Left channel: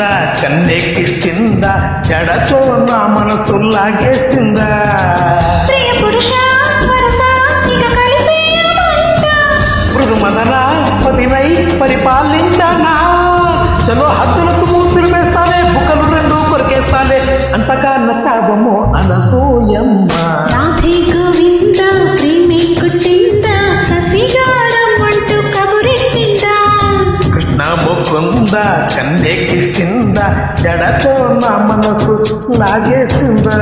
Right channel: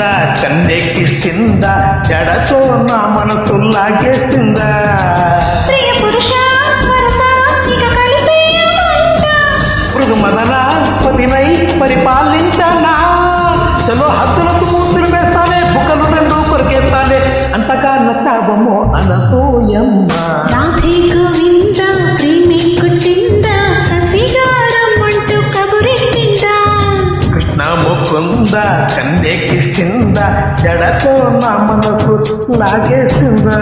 మొక్కుందా కన్నెక్కిస్తుందా జడతో నా మనసు లాగేసిందా ప్రియ పురుష వరస ఇక కలిపేయమంట మృదు మదన పతినై పరిపాలించనా చలో హద్దులకు మూతులు వేస్తాలే బుక్కలు రెండు కొరికేస్తాలే అంతగా నచ్చావమ్మో అనసూయమ్మ రాధే గోవింద ప్రేమి కుట్టింద కసిగారం అంటూ కబురెట్టిందా కృష్ణ మొక్కుందా కన్నెక్కిస్తుందా జడతో నా మనసు లాగేసిందా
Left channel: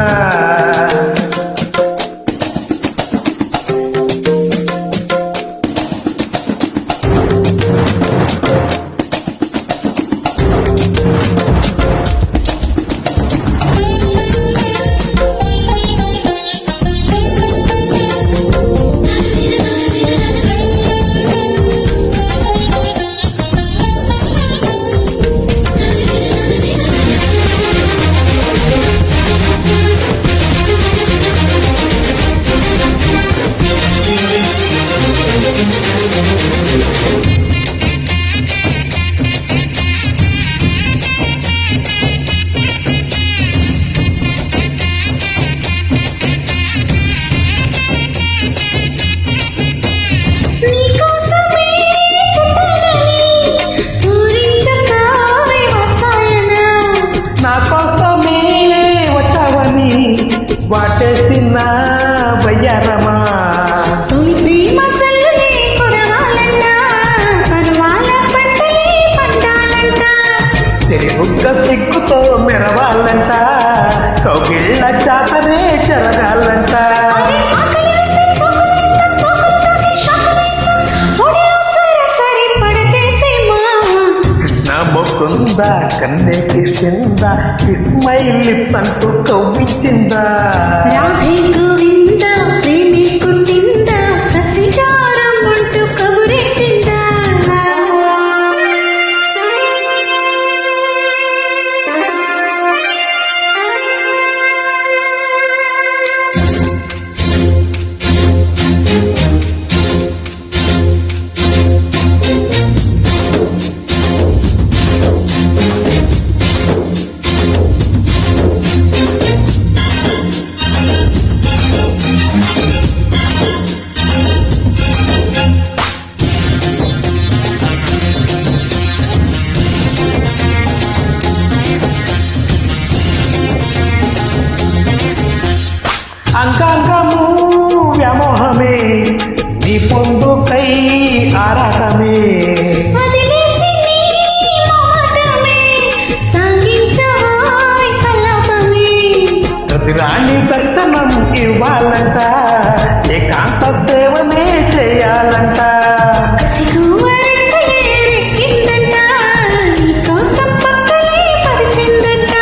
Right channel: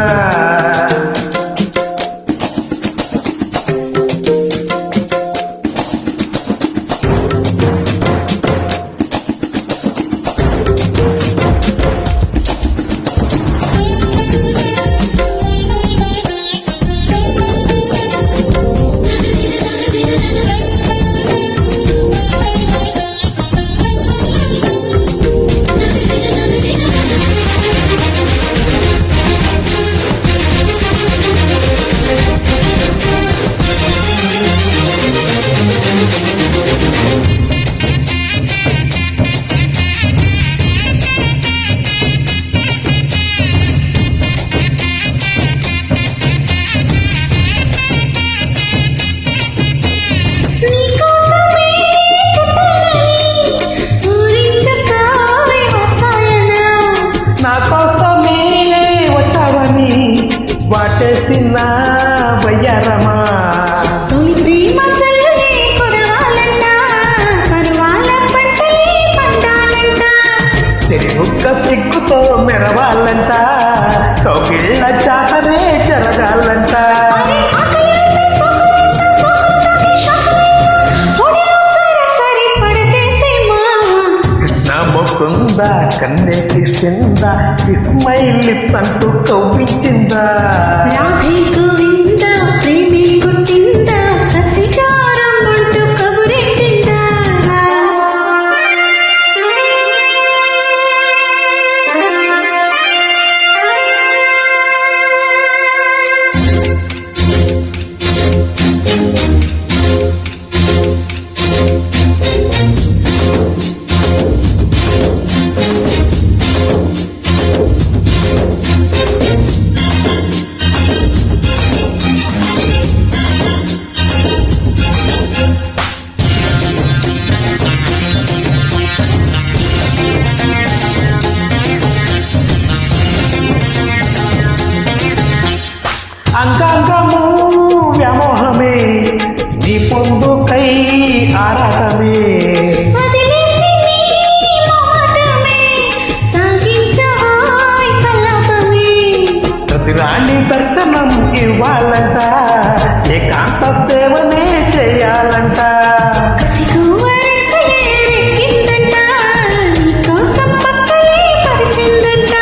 నీకోసమే పుట్టానని పూరించకావే వత్సాయన నా కోసమే వచ్చావని వాటేసిన వయ్యారమా తొలి ప్రేమ చల్లులే కురవాలంట పరువాల పంటలే పండాలంట తిరుగుక్క సిగ్గుతో మెరవాలంట కౌగిళ్ళ జాతరే జరగాలంట అరే ఆకలేస్తే సోకులేస్తా సోకులు తాకి షాకులేస్తా ఒడిలో సరసరి పడకేసేమా కృష్ణ మొక్కుందా కన్నెక్కిస్తుందా కిస్మైల్ లిప్స్ అంటూ కవ్వించిందా రాధే గోవింద ప్రేమి కుట్టిందా కసిగారం అంటూ కబురెట్టిందా అంగాంగము వ్యామోహమే నీ పొందుకై ఆరాటమే వదిలేసి నీ మొహటమే సాగించవాయ్ సల్లాపమే ప్రతిరాణి దర్శనం ఇవ్వాలంట ఏకాంత సేవనే చేయాలంట కసిగువ్వరెక్కలే రెక్కిందంట నీకోసం పక్కలే పరిచిందంట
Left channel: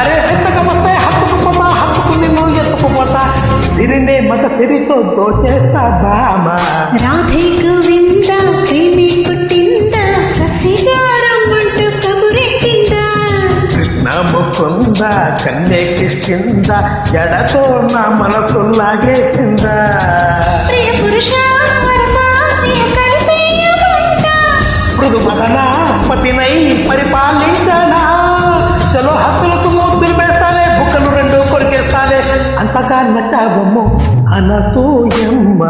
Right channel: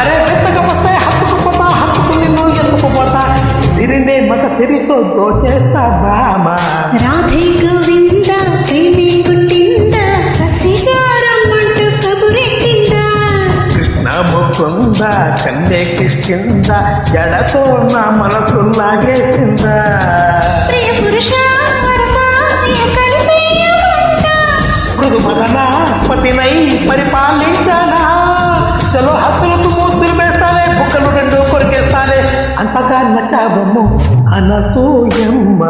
అరే వెతకపోతే హత్తుకుపోతా హత్తుకు నిన్ను ఎత్తుకుపోతా సిరినే మగ సిరితో దోచేస్తా బామా రాధే గోవింద ప్రేమి కుట్టిందా కసిగారం అంటూ కబురెట్టిందా కృష్ణ మొక్కుందా కన్నెక్కిస్తుందా జడతో నా మనసు లాగేసిందా ప్రియ పురుష వరస ఇహ కలిపేయమంట మృదు మదన పతినై పరిపాలించనా చలో హద్దులకు మూతులు వేస్తాలే బుక్కలు రెండు కొరికేస్తాలే అంతగా నచ్చావమ్మో అనసూయమ్మ